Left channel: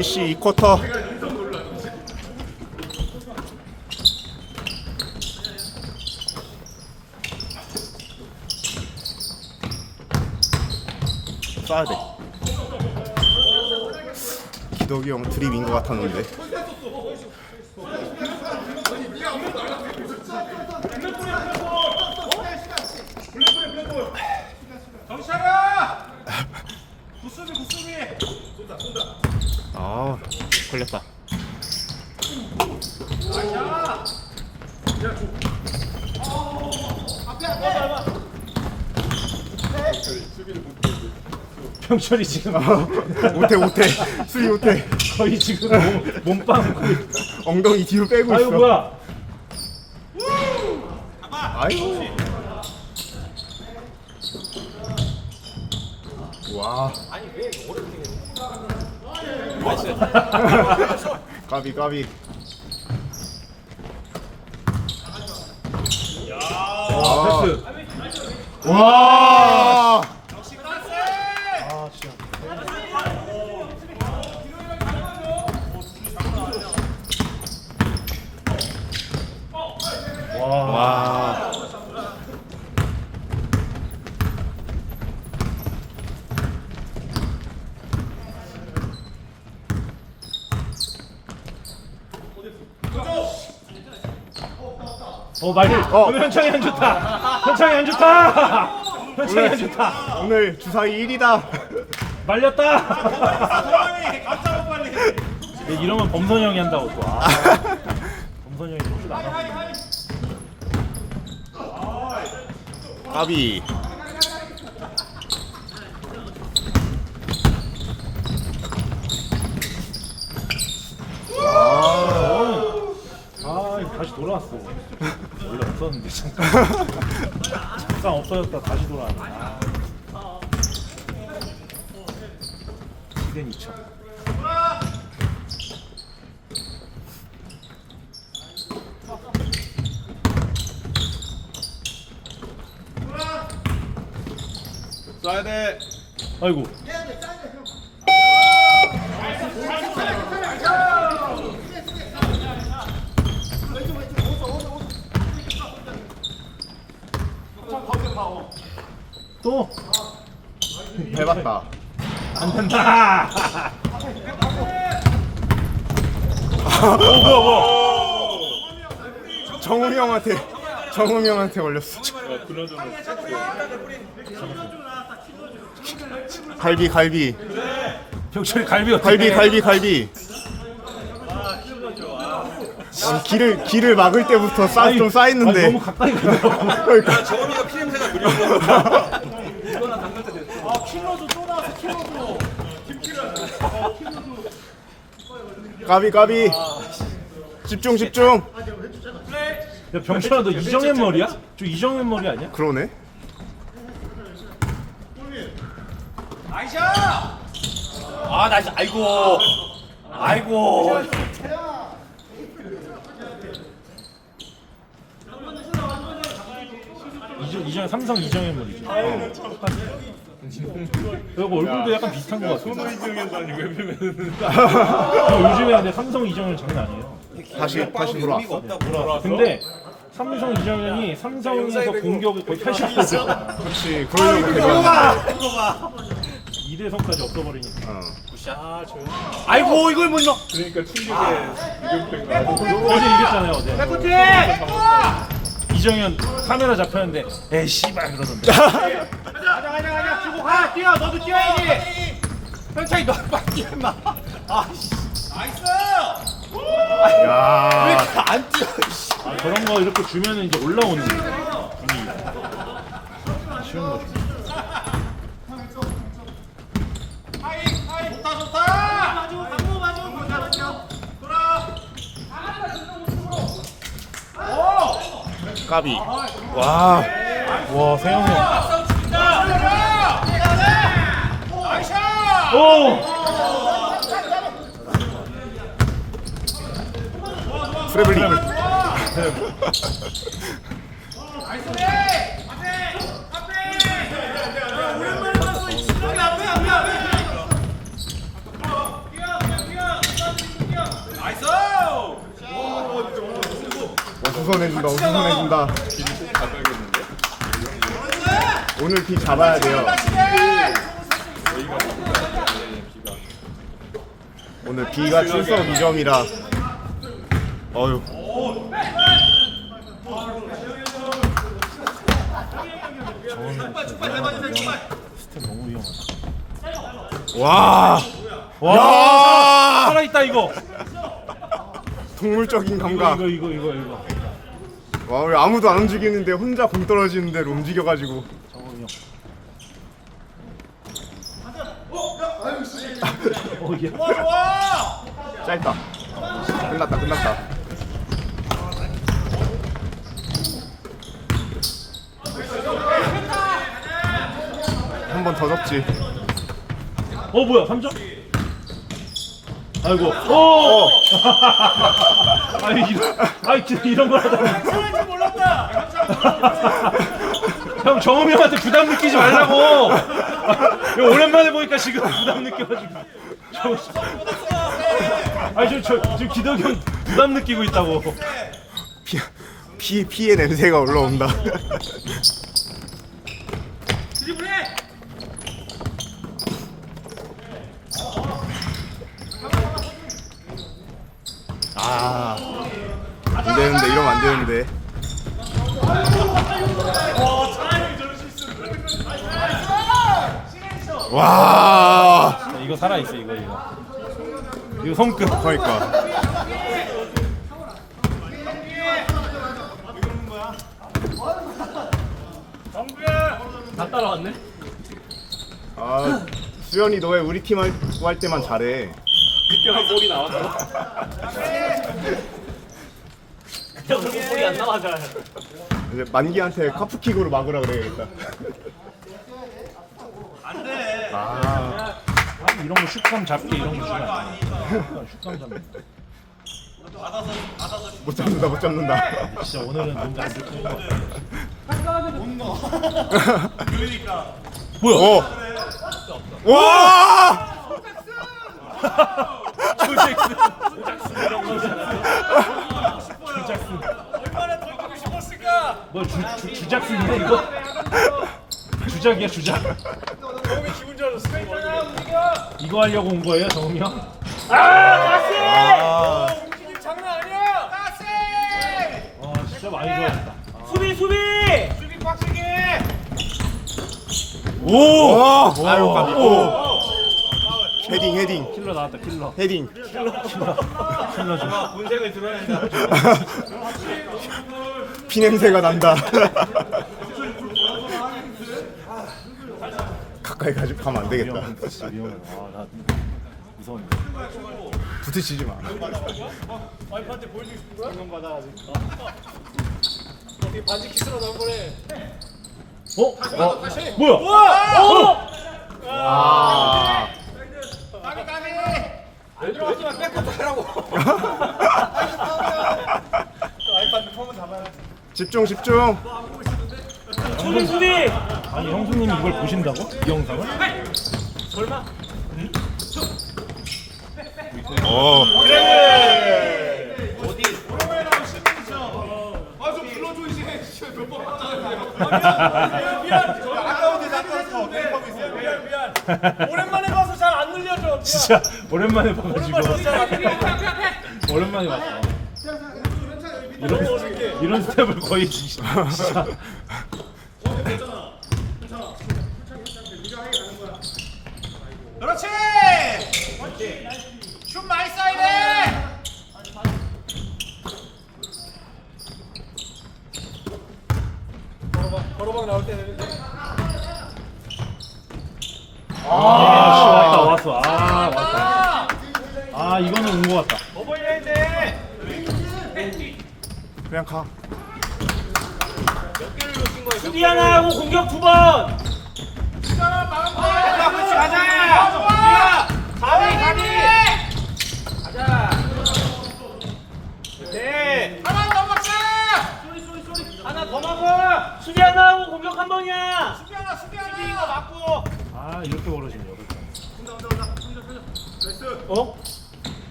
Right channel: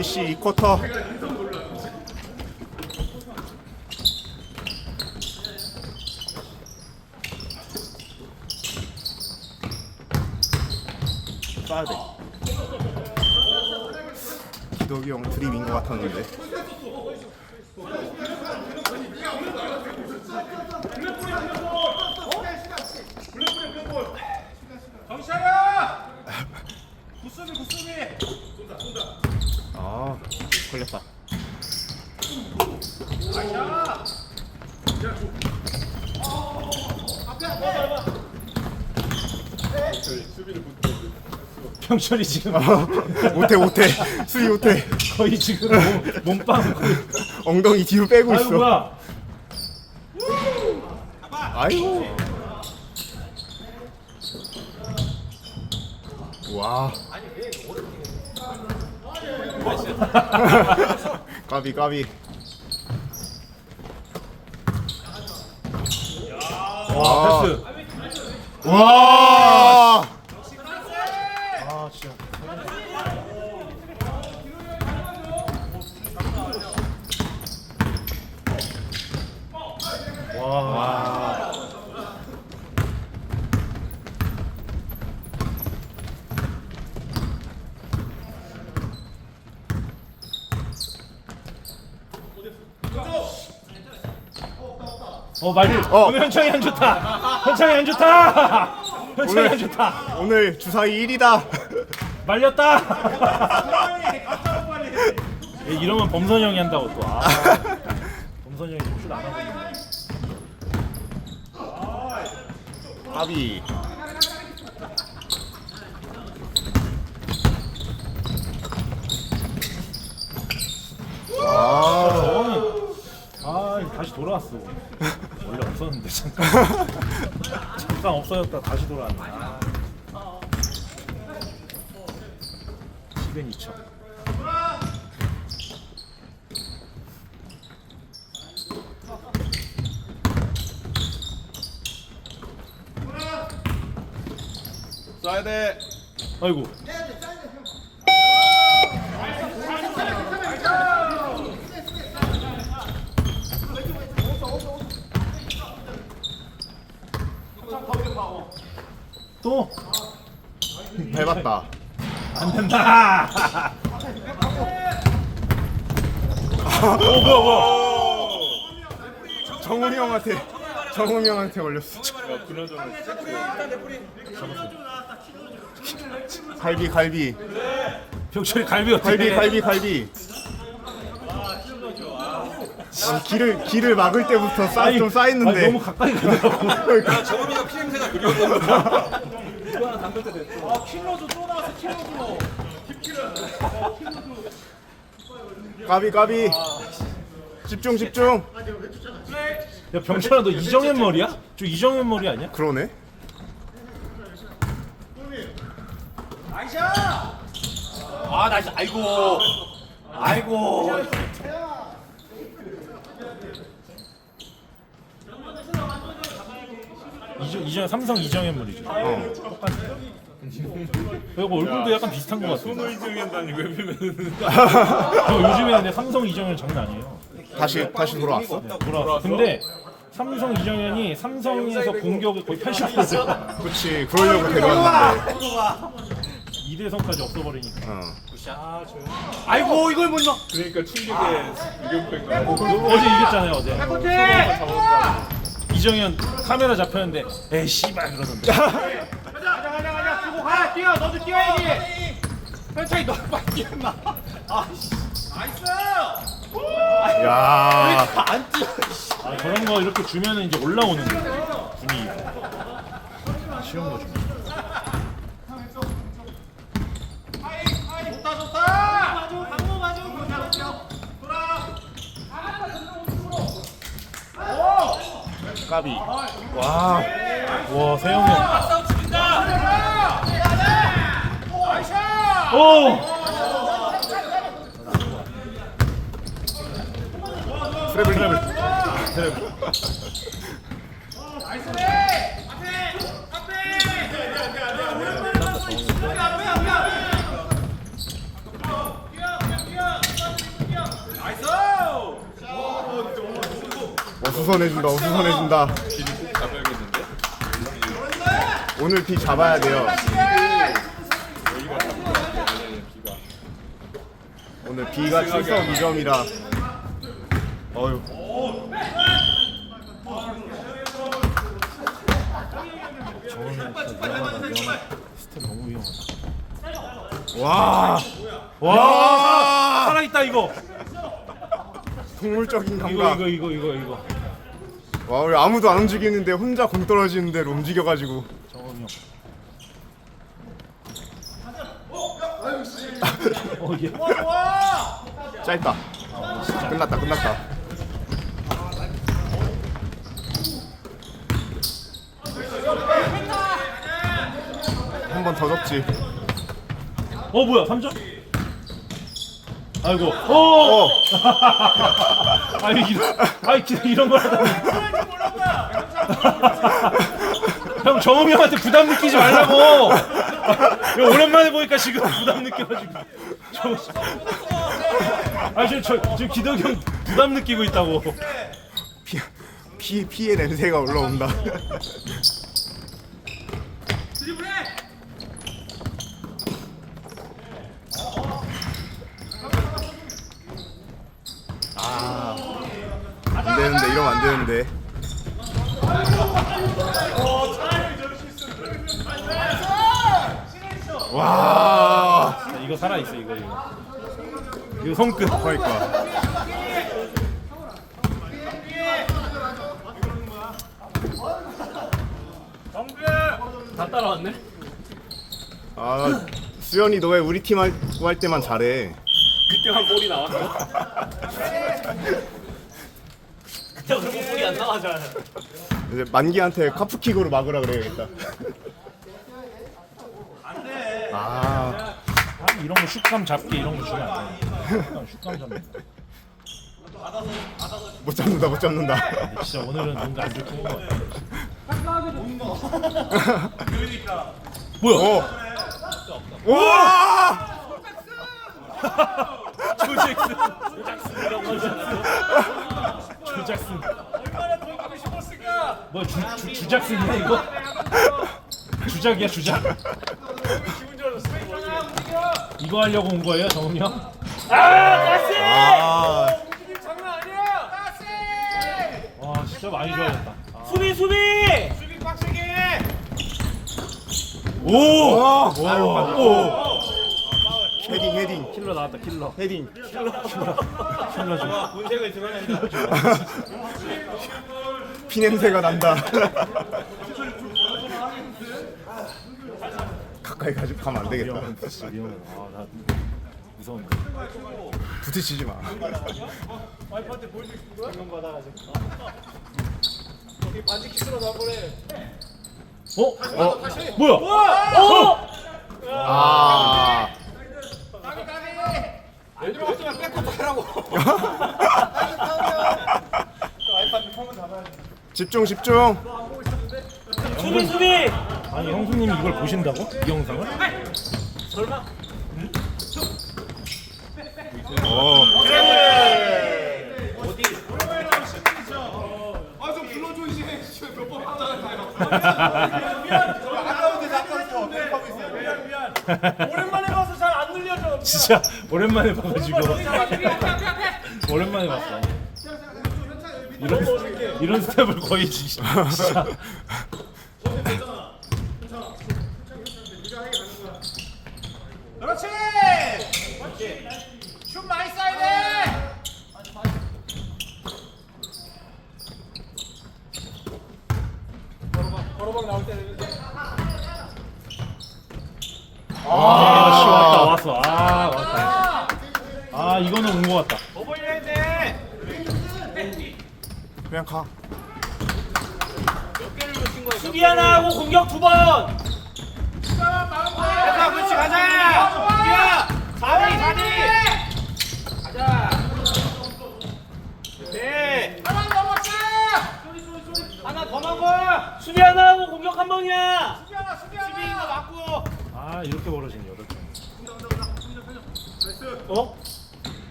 FC 2쿼터. 쏴야 돼. 기덕이 형 드립인 것 같았는데 아 걸렸다 병철이 지금 못해 못해 수위 못해 거의 지금 몸, 몸빵 거의. 엉덩이 뒤로 빼고 아이고 있어. 뭐야? 아이고. 와. 까비 까비. 와 패스 와 와. 어 말이 어. 오늘 현창이 안 좋다. 현창이 안 좋다. 현창이 안 좋다. 오늘 주사위 1이다. 말렸다. 이러면 범선이 형이 한다고 또. 아. 범선이 형이 토스를 안 하고 있네 까비. 아 이거 다시 돌아왔어. 원래 없었는데 잠깐. 잠깐 없어졌다 다시 돌아왔네. 아. 시간 2천 쏴야 돼. 아이고 또 밟았다 안 된다. 오 뭐야 뭐야. 정훈이 형한테 정훈이 형한테 걸렸어 야, 그나저나 갈비 갈비. 병철이 갈비 어떻게? 갈비 갈비 갈비. 아니, 길을 길을 막을 때부터 쌓, 좀 쌓였는데. 너무 가까이 가더라고. 정원이가 피 냄새가 그리웠나. 까비 까비. 집중 집중. 야 병철아 너 이정현 머리야? 저 이정현 머리 아니야? 그러네 아, 나이스. 아이고. 아이고. 이정 이정 삼성 이정현 머리죠. 그리고 얼굴도 약간 비슷한 것 같아. 손호 이정현다니 왜 비면 요즘에 근데 삼성 이정현 장난 아니에요. 다시 다시 돌아왔어 근데 삼성 이정현이 삼성에서 공격을 거의 80%죠. 그렇지 그러려고 데뷔했는 데 2대선까지 없어버리니까. 어. 아이고, 이걸 못 넣어. 그러니까 충격에 이병표가 어제 이겼잖아요 어제. 이정현 카메라 잡혔는데 에이 씨발 그러던데. 가자 가자 가자 주고 가 뛰어 너도 뛰어야지 천천히 너 빨리 임마 아씨 야안 뛰어 아, 저런 거 이렇게 주면은 이제 올라오는 거예요. 분위기가. 아쉬운 거죠. 까비 와 와 세영 형. 오. 트래블 우선해준다 우선해준다 비를 꼭 잡아야겠는데? 오늘 비 잡아야 돼요. 오늘 비가 출석 위험이라. 어휴. 저거는 진짜 위험하다. 위험하다 스텝 너무 위험하다 와! 와! 야! 살아있다 이거. 동물적인 이거 감각 이거 이거 이거 이거 와 우리 아무도 안 움직이는데 혼자 공 떨어지는 대로 움직여가지고. 짧다. 끝났다 끝났다. 한 번 더 접지. 어 뭐야 3점? 아이고. 오! 어 아니 이런 아니 진짜 이런 걸 하다가. 형 정우 형한테 부담 느끼지 말라고. 이거 오랜만에 보니까 지금 부담 느껴가지고. 저, 아니 저, 저, 저 기덕이 형 부담 느끼고 있다고. 피, 피, 피의 냄새가 올라온다 아, 안 되는데 이러면 안 되는데. 와. 이거 살아있어 이거 이거. 이거 손끝. 그러니까. 다 따라왔네? 아 수현이 너 왜 우리 팀할할 때만 잘해. 그때만 볼이 나왔어 볼이 안 나와잖아 이제 만기한테 카프킥으로 막으라 그래야겠다 아 이런 거 슛감 잡기 이런 거 주면 안 돼. 슛감 잡기. 못 잡는다 못 잡는다 진짜 오늘은 뭔가 안 좋고. 뭐야? 오! 와! 조잭슨. 조잭 슨. 너 주, 주, 주작슨이야 이거? 주작이야 주작. 이거 하려고 온 거예요 정우 형? 아, 와 진짜 많이 좋아졌다. 수비 수비 오! 오! 오! 헤딩 헤딩 킬러 나왔다 킬러. 헤딩 킬러 좀. 본색을 드러낸다 피 냄새가 난다 가까이 가지 가면 안 되겠다 위험하다 진짜 위험하다. 아나 무서운데. 부딪히지 마 어? 어? 뭐야? 어? 아 안 들어왔으면 뺏고 가라고 집중 집중 수비 수비. 아니 형수님이 이걸 보신다고? 이 영상을? 오. 오랜만에 봐서 잘 안 눌려져 진짜 오랜만에 봐가지고 오랜만에 봤어. 이런 스텝을 거의 진짜. 그렇지 슛 많이 아. 아 왔다. 아 이거는 온 같다. 돼 그냥 가 수비 하나 하고 공격 두 번 가자 그렇지 가자 수비야 4대 4대 가자 네 하나 더 먹어 수비 하나 하고 공격 한 번이야 수비 하나 수비 하나 수비 이거 맞고 아 이렇게 벌어지네 여덟 번. 어?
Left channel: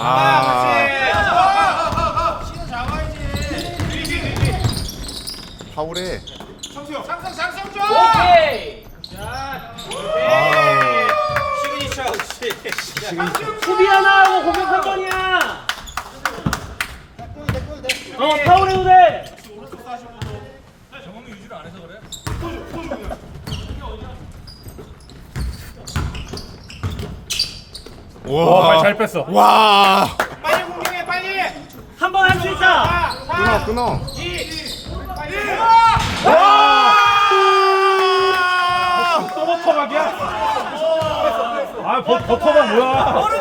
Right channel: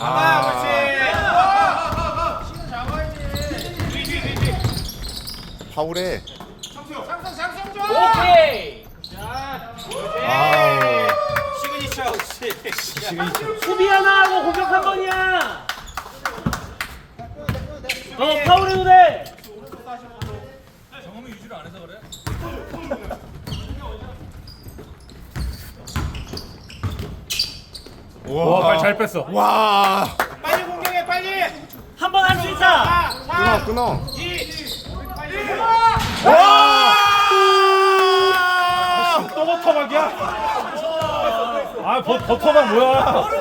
아, 그렇지 시간 잡아야지 파울해. 오케이. 아, 수비 하나 하고 공격 한 번이야. 어 파울 해도 돼. 와, 발 잘 뺐어. 와. 한번 할 수 있다. 끊어 끊어. 또 버터박이야? 아, 버, 버터박 뭐야?